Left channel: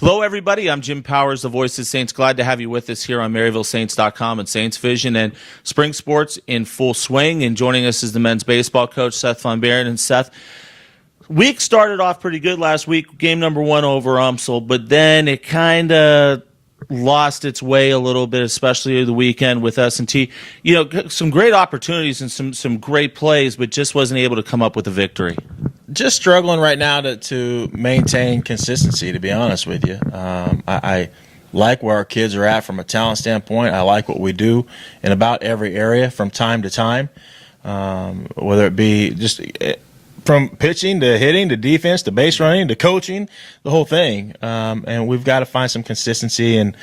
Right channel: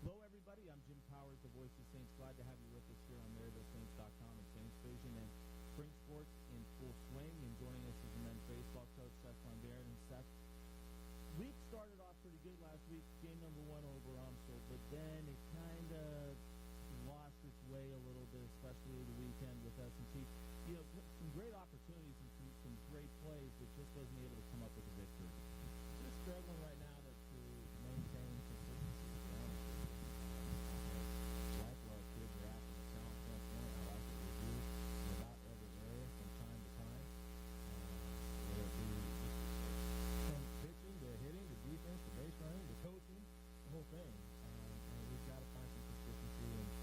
Hello, everybody. I'm Jim Powers, the voice of Saints. Glad to have you with us here on MaryvilleSaints.com and Saints Vision. And spring sports in full swing. And joining us is the men's baseball coach, Seth Von Behren. And Seth, week started off pretty good last week, game number 1 over UMSL, but then it kind of lost its way a little bit, especially the weekend with S&T. You know, some great opportunities and some great plays, but just wasn't able to come up with a victory. Just struggling right now to maintain consistency, to be honest with you. I like where our kids are at from a talent standpoint. I like what we do in about every area from time to time, whether it be just from pitching to hitting to defense to base running to coaching, the whole thing. And we've got to find some consistency in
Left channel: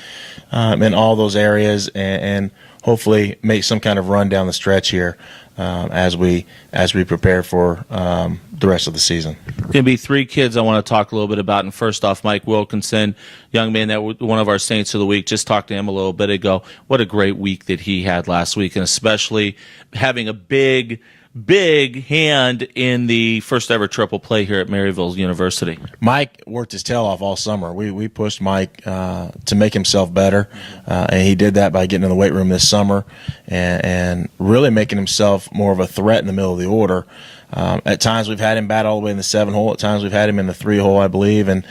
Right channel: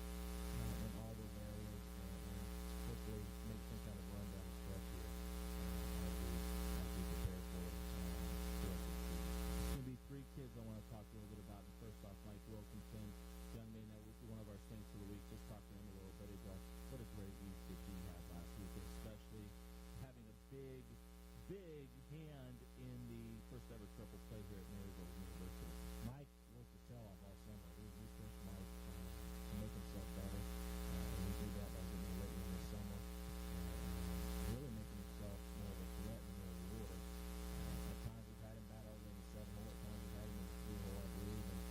all those areas and hopefully make some kind of run down the stretch here. As we prepare for the rest of the season. Going to be 3 kids I want to talk a little bit about. And first off, Mike Wilkinson, young man that one of our Saints of the Week. Just talked to him a little bit ago. What a great week that he had last week, and especially having a big hand in the first ever triple play here at Maryville University. Mike worked his tail off all summer. We pushed Mike to make himself better, and he did that by getting in the weight room this summer and really making himself more of a threat in the middle of the order. At times we've had him bat all the way in the 7-hole. At times we've had him in the 3-hole, I believe. And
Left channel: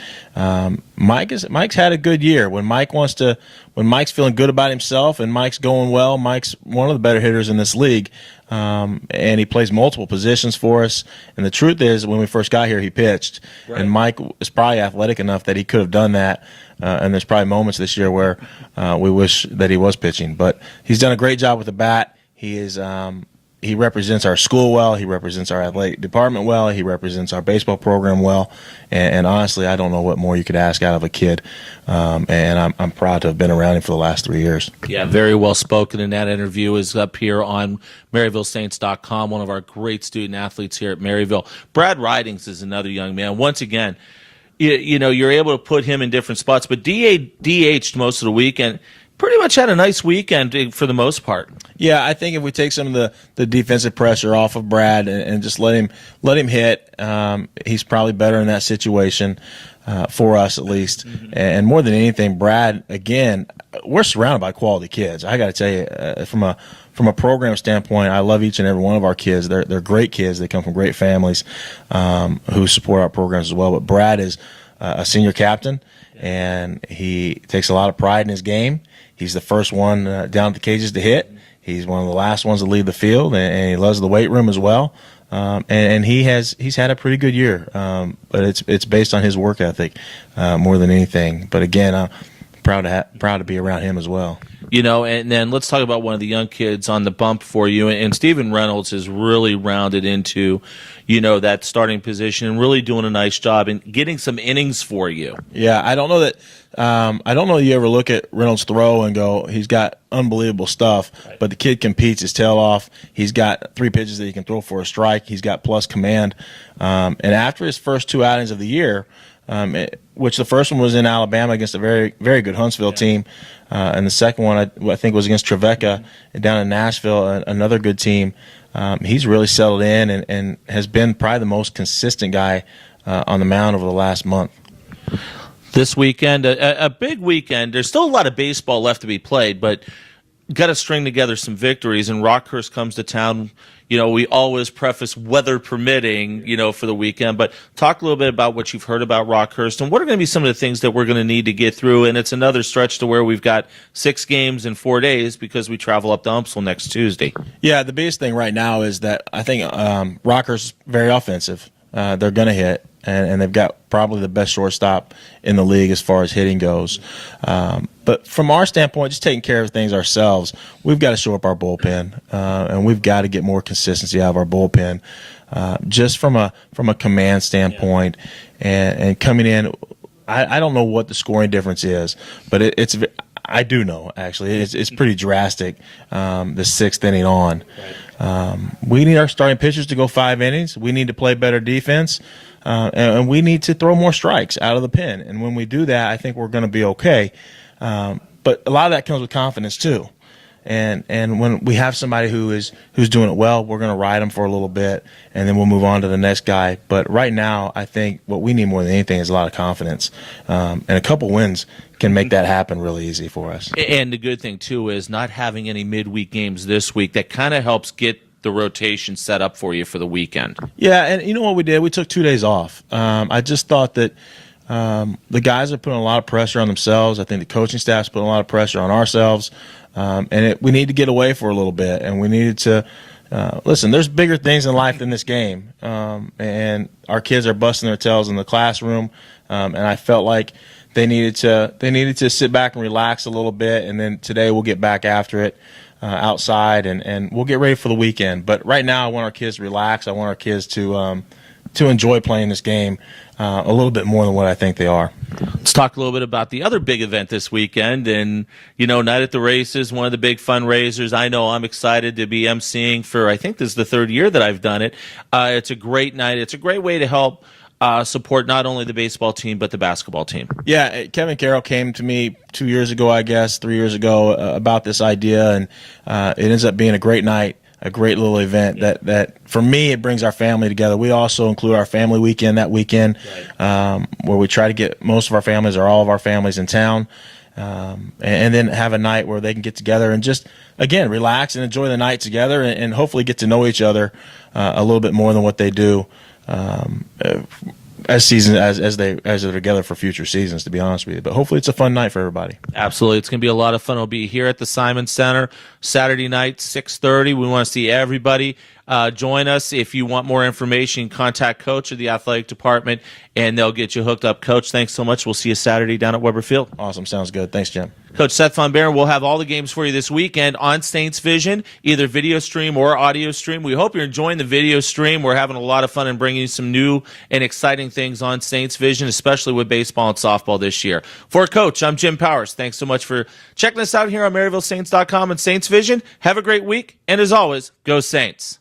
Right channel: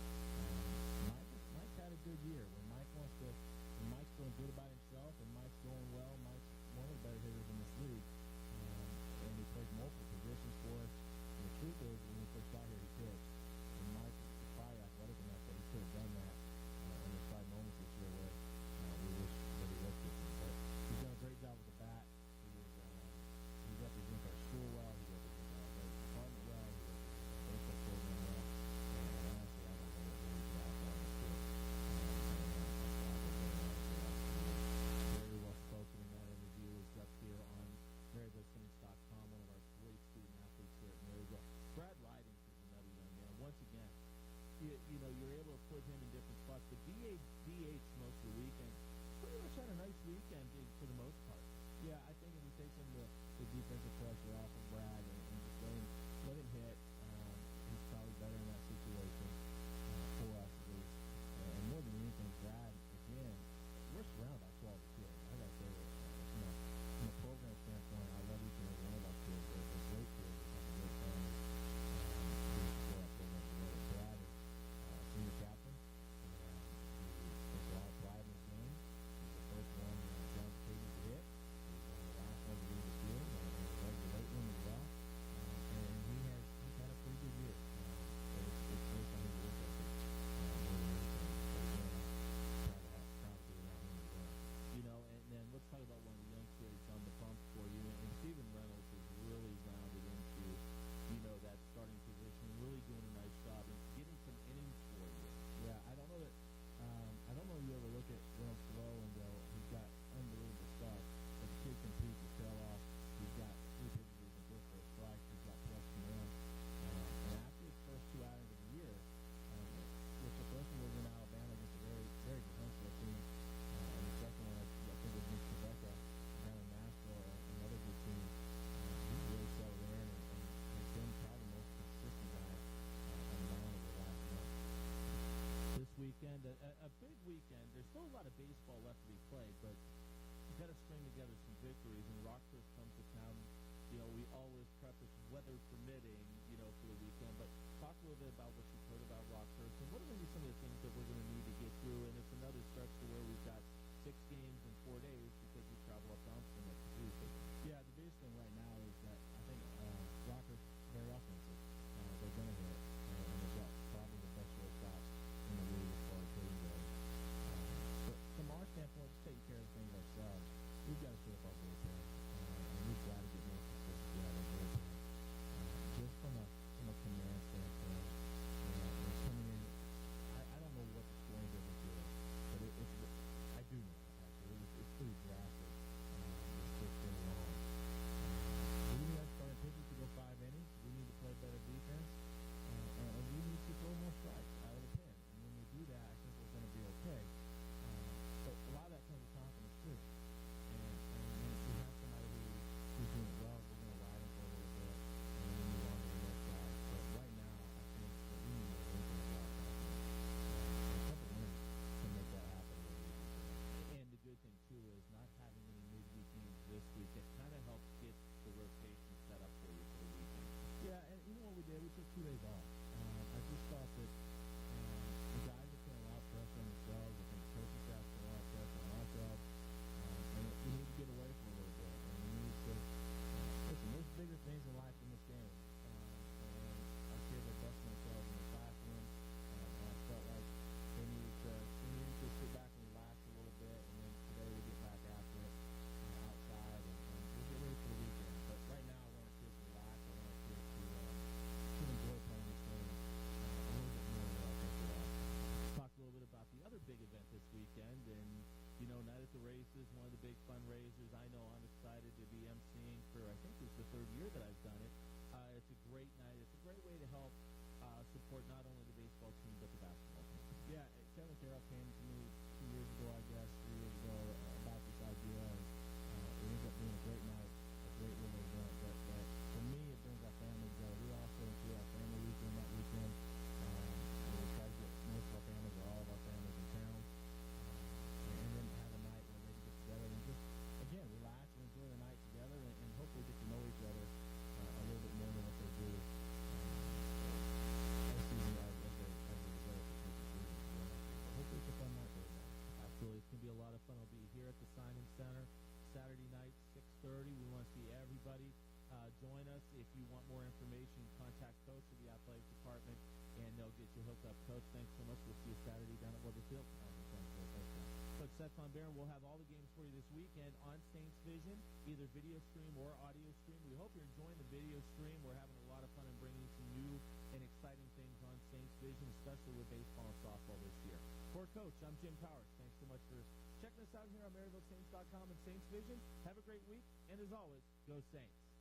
Mike's had a good year. When Mike's feeling good about himself and Mike's going well, Mike's one of the better hitters in this league. And he plays multiple positions for us. And the truth is, when we first got here, he pitched. Right. And Mike is probably athletic enough that he could have done that. And there's probably moments this year where we wish that he was pitching. But he's done a great job with the bat. He represents our school well. He represents our athletic department well. He represents our baseball program well. And honestly, I don't know what more you could ask out of a kid. And I'm proud to have been around him for the last 3 years. Yeah, very well spoken. And that interview is up here on MaryvilleSaints.com, one of our great student athletes here at Maryville. Brad Ridings is another young man. Once again, you know, you're able to put him in different spots, but DH'd most of the weekend. Pretty much had a nice weekend for the most part. Yeah, I think if we take some of the defensive pressure off of Brad and just let him hit, he's probably better in that situation for us at least. Mm-hmm. And more than anything, Brad, again, we're surrounded by quality kids. I got to tell you, from a program standpoint, I love each and every one of our kids. They're great kids. They come from great families who support our programs as well. But Brad is a senior captain, and he takes a lot of pride in his game. He's the first one down at the cages to hit. He's one of the last ones to leave the field, and he loves the weight room as well. And he's had a pretty good year, but it's based on his work ethic more than anything. But again, I'm proud to be around him as well. You know, and then let's talk about one of the young kids on the bump for you. And Stephen Reynolds has really rounded into, you know, that starting position and really doing a nice job and getting some innings for you. Yeah, I don't know that you ever look at Reynolds' throw and go, he's got unbelievable stuff, right. But the kid competes his tail off. He's got 3 pitches that he can throw for a strike. He's got plus command. And after his first 2 outings of the year, which the first one was in Alabama against a very, very good Huntsville team, and the second one I think was against Trevecca down in Nashville, another good team. He's really settled in and has been probably the most consistent guy on the mound over the last month. This weekend, a big weekend. There's still a lot of baseball left to be played, but got to string together some victories. And Rockhurst comes to town. You know, we always preface weather permitting, you know, for the weekend. But talk a little bit about what you've heard about Rockhurst and what are going to be some of the things that we're going to need to get through. And it's another stretch to where we've got 6 games in 4 days because we travel up to UMSL next Tuesday. Yeah, the biggest thing right now is that I think Rockhurst is very offensive. They're going to hit. And they've got probably the best shortstop in the league as far as hitting goes. But from our standpoint, just taking care of things ourselves, we've got to shore up our bullpen, and we've got to get more consistency out of our bullpen, just from a command standpoint. And coming in, I don't know what the scoring difference is, but I do know, actually. It's pretty drastic, the 6th inning on. We need our starting pitchers to go 5 innings. We need to play better defense. And we need to throw more strikes out of the pen. And when we do that, I think we're going to be okay. But a lot of that comes with confidence, too. And when we have somebody who's doing it well, we're going to ride them for a little bit, and then we'll move on to the next guy. But right now, I think what we need more than anything is a lot of confidence, and a couple wins can make that happen really easy for us. And the good thing, too, is not having any midweek games this week. That kind of helps get the rotation set up for you for the weekend. Yeah, and you know what we did? We took 2 days off. I just thought that the guys are putting a lot of pressure on themselves. I think the coaching staff's putting a lot of pressure on ourselves. We need to get away for a little bit, and we needed to listen. There's bigger things in life than this game, and our kids are busting their tails in the classroom, and I felt like they needed to sit back and relax a little bit, and then today we'll get back after it outside, and we'll get ready for the weekend. But right now, I want our kids to relax. I want our kids to enjoy playing this game a little bit more than what I think they are. Let's talk a little bit about the other big event this weekend. And, Night at the Races, one of the big fundraisers. I know I'm excited to be emceeing for, I think this is the third year that I've done it. It's a great night. It's a great way to help support not only the baseball team but the basketball team. Yeah, Kevin Carroll came to me 2 years ago, I guess, 3 years ago, about this idea, and it ends up being a great night. A great little event that for me, it brings our family together. We also include our family weekend that weekend, where we try to get most of our families or all of our families in town, and then have a night where they can get together and just, again, relax and enjoy the night together, and hopefully get to know each other a little bit more than what they do as they're together for future seasons, to be honest with you. But hopefully it's a fun night for everybody. Absolutely. It's going to be a lot of fun. We'll be here at the Simon Center Saturday night, 6:30. We want to see everybody. Join us. If you want more information, contact Coach of the athletic department, and they'll get you hooked up. Coach, thanks so much. We'll see you Saturday down at Weber Field. Awesome. Sounds good. Thanks, Jim. Coach Seth Von Behren will have all the games for you this weekend on Saints Vision, either video stream or audio stream. We hope you're enjoying the video stream. We're having a lot of fun and bringing you some new and exciting things on Saints Vision, especially with baseball and softball this year. For Coach, I'm Jim Powers. Thanks so much for checking us out here on MaryvilleSaints.com and Saints Vision. Have a great week, and as always, go Saints.